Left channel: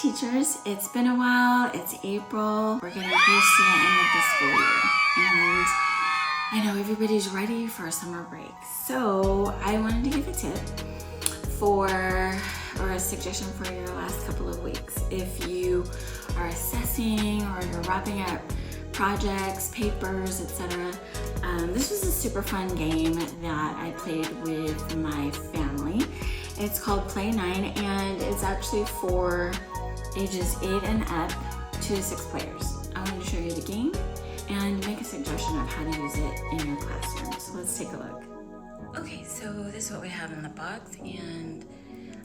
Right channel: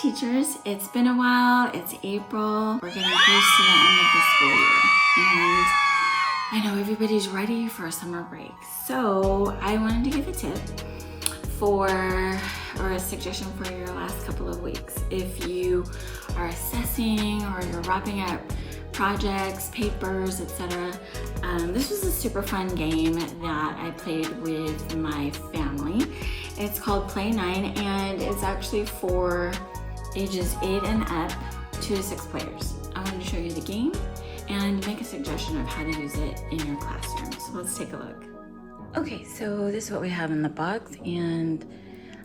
teachers, it's been a while. It's April. We're getting close to the end of the school year. And I know everybody's ready for a summer break. So I wanted to give a tip or a suggestion for your last couple of weeks. If you are assessing or you're wrapping up projects, papers, etc. This was a super fun game that I played with my family. It's called Play 9 and it's actually for ages 8 and up, 2 to 6 players. I wanted to show you the game and make a suggestion of how to use it in your classroom. So let's take a look. Okay, so this is what we have in the box, and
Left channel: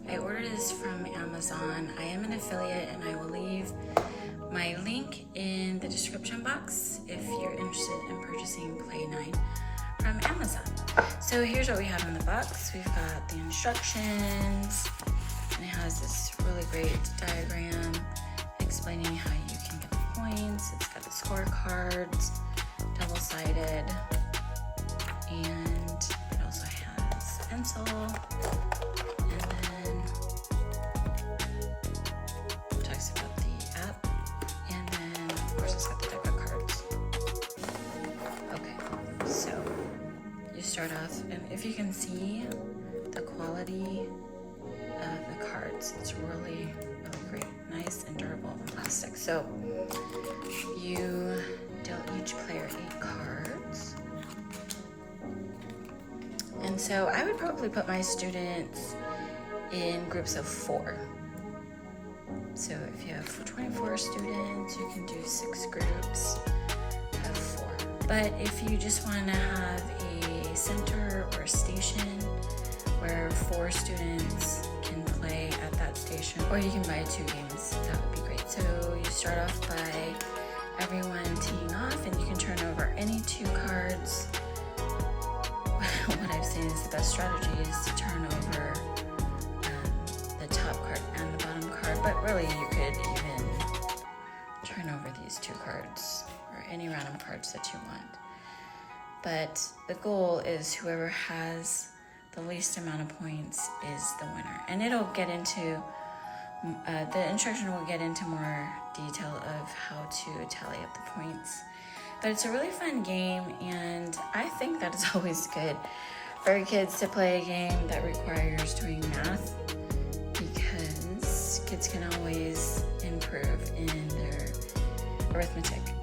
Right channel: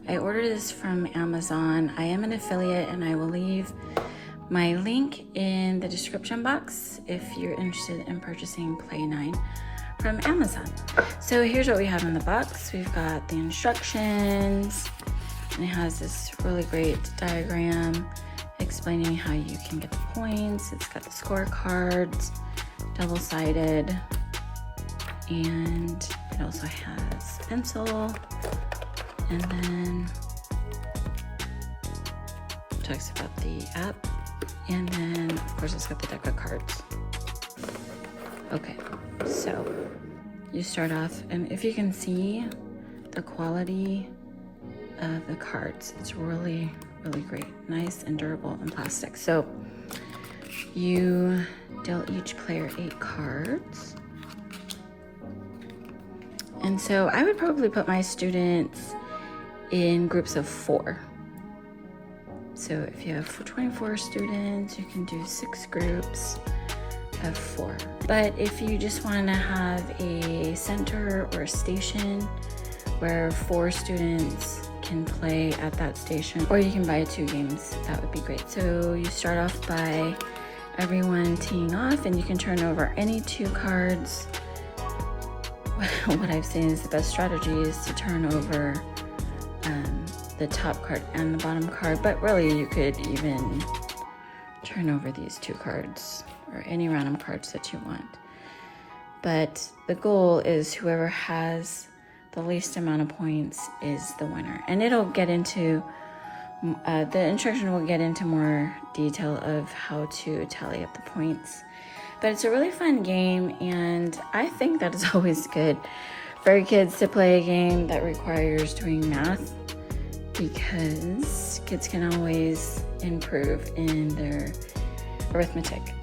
I ordered this from Amazon. I am an affiliate and I will leave my link in the description box if you're interested in purchasing Play 9 from Amazon. So here's what we have in the box. We've got the instructions, and it has this really great diagram explaining how you can get the points. It's got the scorecards, double-sided, and it also has pencil, and then talks about the app, and then of course it's got the deck of cards. Okay, so you start off, and if you can see the quality of the cards, it's really great, nice and durable and plastic. So you deal each player 8 cards, and so I would probably put my students in groups of 4. So if you have 24 students, you can do 6 groups of 4. But if you just want to have a center or a station where 4 students can play at that station, or you can buy 2 games, that would be great. So you start off by everyone teeing off, and you can turn over any 2 cards. What I've seen is the best strategy is to turn over the top card and the bottom card, but really you could even turn over these 2 cards or any random cards that you want. But the goal is whoever has the least amount of points is the winner. And it'll get into, the instruction will get into more detail of how to tally up the points. But it's a really fun game, and I think that it's always good for kids to play a game that requires doing math, because kids can always improve in their arithmetic.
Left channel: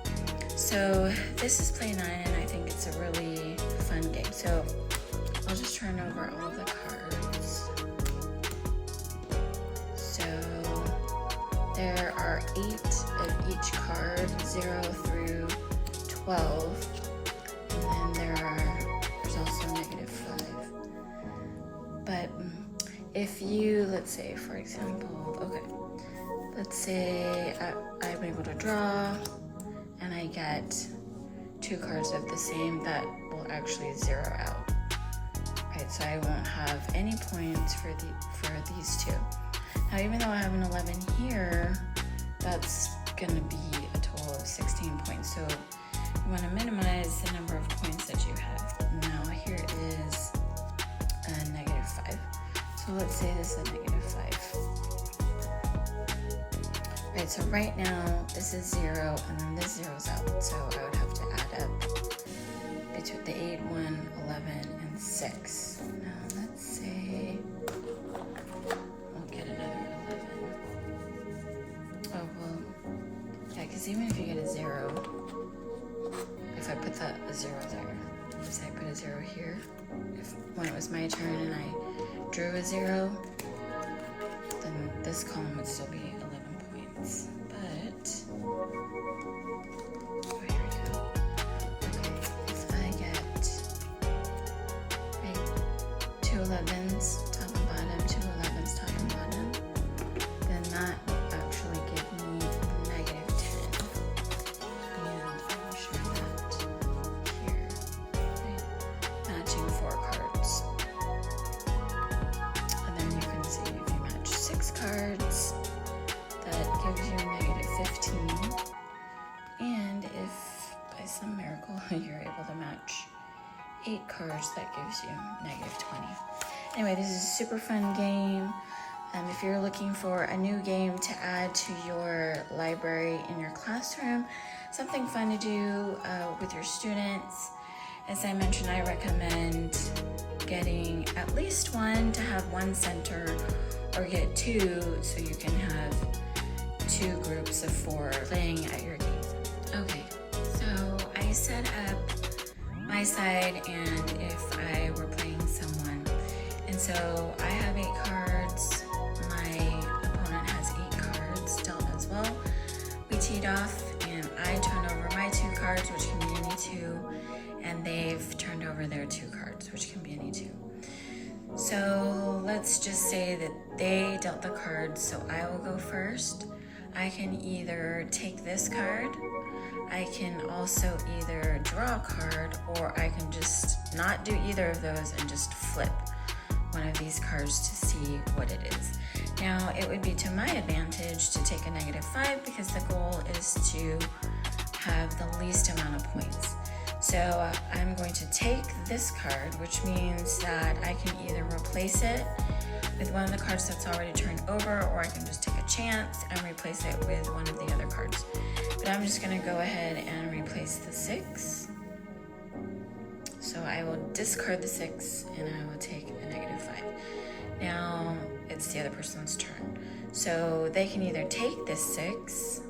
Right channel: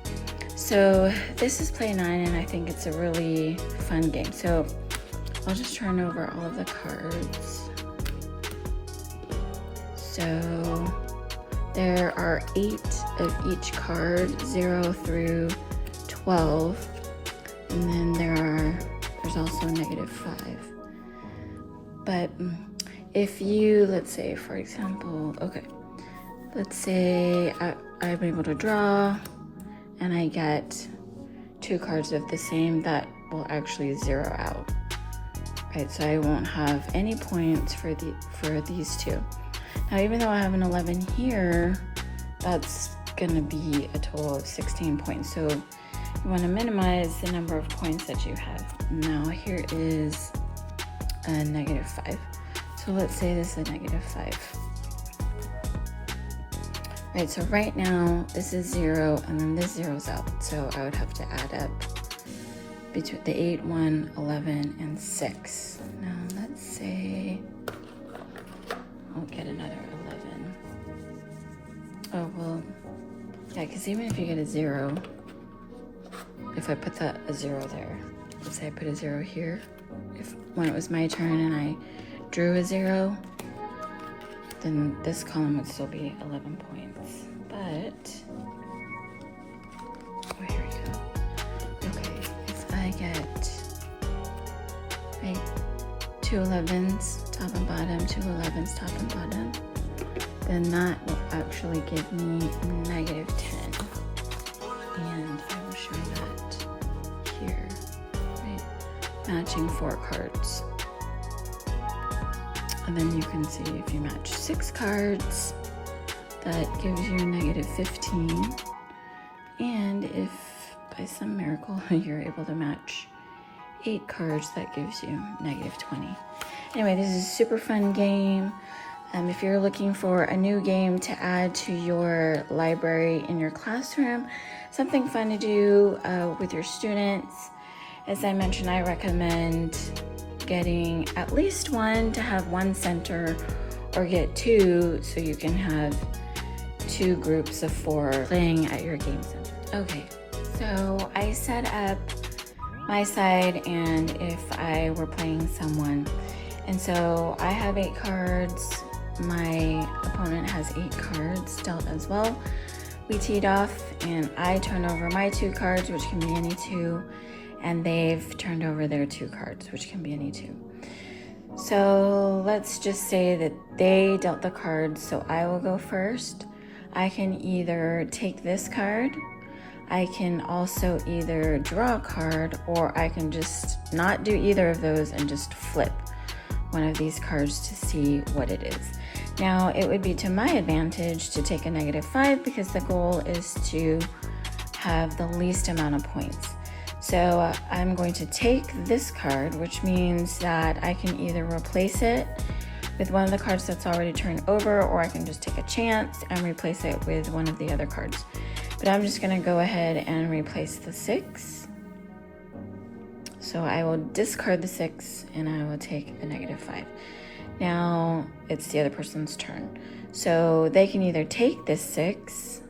So this is Play 9, and I think it's a really fun game. So I'll just turn over all the cards. So there are 8 of each card, 0 through 12, and then there's also -5. But if you, let's say for example, okay, let's say I'm able to draw and I get 2 cards of the same, that will actually zero out. Right, so I won't have any points for these 2. Now, even though I have an 11 here, that's gonna be a total of 16 points. So you want to minimize the number of points that you have. Now here is a -5. So let's say this is a -5. Right, so right now this is 0, and then this zeroes out. So I would have to add up between the 8, 1, 11, and 6. Now let's say we'll get another 11. Oh, well, yeah, because even if you get a 0, if I put a 0 there, let's say I put a 0 here, when it was my turn and I drew a 0, then this column would still be 11 points. But oh, here we go. Okay, if I get 2 11s top and bottom, 2 11s top and bottom, then that will actually give me -10. And I will show that here, right? Matching 4 cards. And then you can see if you match 6 cards, that gives you -15. And if by some miracle you're able to match 8 cards, that gives you -20. Anyway, this is a super fun game. If you're looking for a new game to add to your library in your classroom, something fun to do with your students, as I mentioned, I recommend getting at least one to have one center, or get two so you can have 2 groups of 4 playing at your game center. Okay, so I set up my side and if I were playing someone. And so I have 8 cards. My opponent has 8 cards dealt as well. We teed off and I turned over my 2 cards, which can be any 2, and they've turned over their 2 cards, which can be any 2. So let's just say that they dealt the cards, so I will go first. I can either take this card, I can also either draw a card, or I can just not do either of those and just flip one of these cards to see what it is. Now, it would be to my advantage to take a -5 because the goal is to have the least amount of points. So I'm going to take this card, which means that I can either replace it with one of the cards that's already turned over, or I can just take a chance and replace it with one of the other cards. But I'm just gonna go ahead and replace the 6. So I will discard the 6 and I will take a -5. Now it's the other person's turn. So they can either take this 6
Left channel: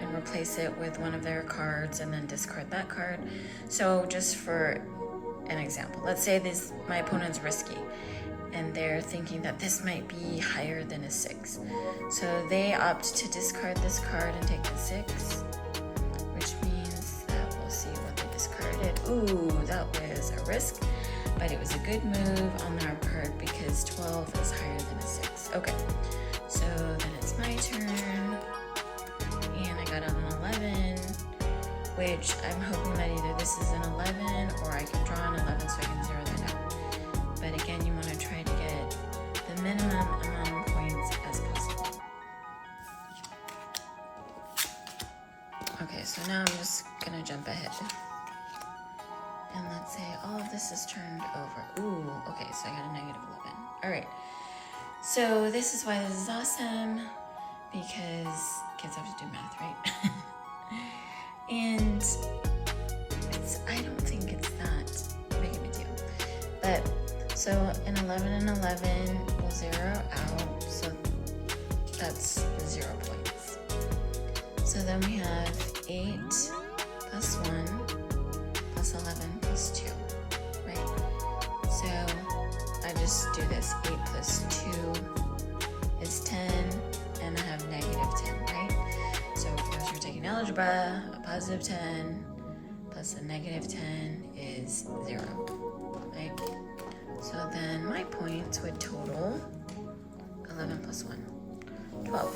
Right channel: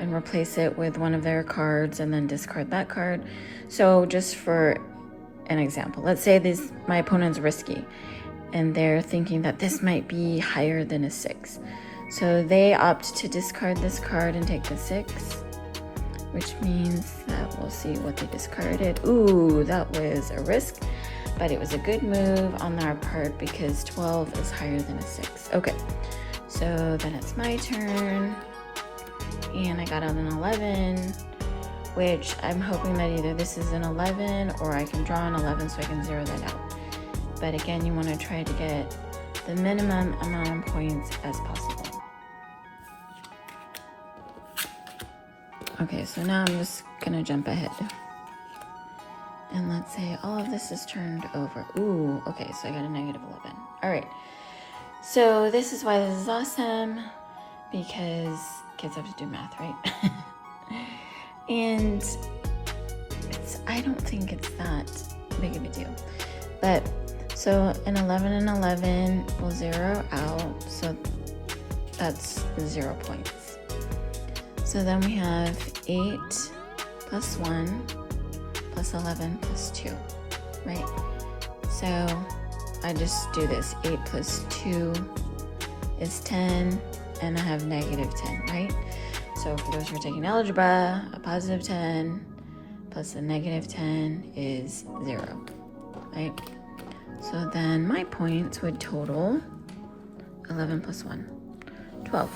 and replace it with one of their cards and then discard that card. So just for an example, let's say my opponent's risky and they're thinking that this might be higher than a 6. So they opt to discard this card and take the 6, which means that we'll see what they discarded. Ooh, that was a risk, but it was a good move on our part because 12 is higher than a 6. Okay, so then it's my turn. And I got an 11, which I'm hoping that either this is an 11 or I can draw an 11 so I can zero that out. But again, you want to try to get the minimum amount of points as possible. Okay, so now I'm just gonna jump ahead. And let's say all of this is turned over. Ooh, okay, so I got a -11. All right, so this is why this is awesome, because kids have to do math, right? And I don't think it's that big of a deal. But so an 11 and 11 will zero out, so that's 0 points. So then we have 8 plus 1 plus 11 plus 2, right? So I just do this. 8 plus 2 is 10, and I have -10, right? So for those who are taking algebra, a +10 plus a -10 is 0, right? So then my points would total 11 plus 1, 12,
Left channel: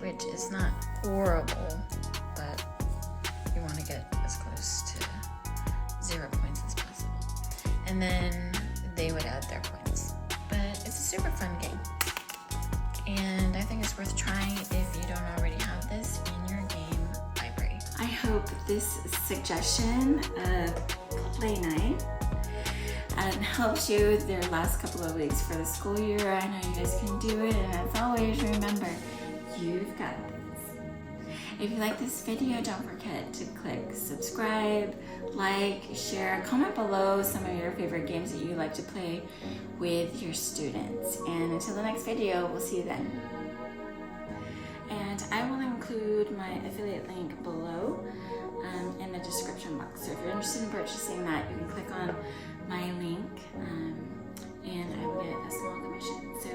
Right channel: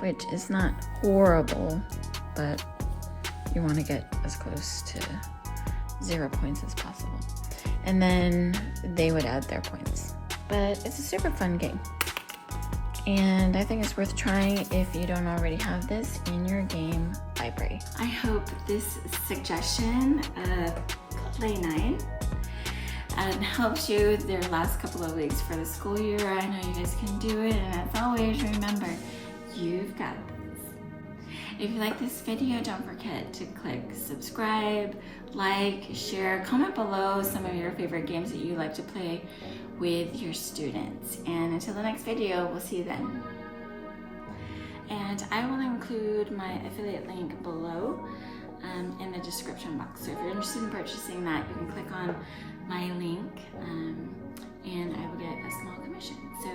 which is not horrible, but you want to get as close to 0 points as possible. And then they would add their points. But it's a super fun game. And I think it's worth trying if you don't already have this in your game library. I hope this suggestion of play night helps you their last couple of weeks for the school year. I know you guys can do it, and as always, remember, you've got this. If you like this video, don't forget to click subscribe, like, share, comment below some of your favorite games that you like to play with your students. And until the next video, we'll see you then. And I will include my affiliate link below in the description box. So if you're interested in purchasing that, you can click on my link and I will get a small commission. So